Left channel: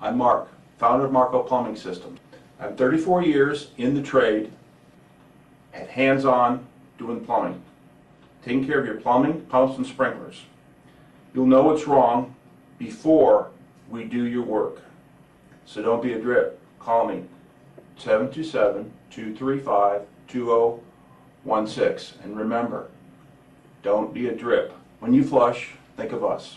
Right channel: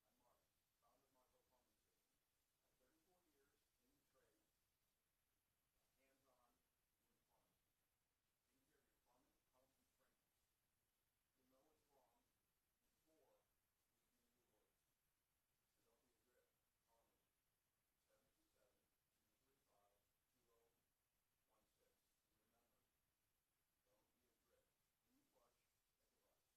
I'm Mark, founder of Marko Plumbing System. I'm 34 years in the trade, and hands-on doing plumbing, taking care of your plumbing, pumps, and sprinklers. You'll know what's wrong before we do your work. So don't be a drip. Call me, 727-235-2016. And remember, don't be a drip. When you flush, think of us.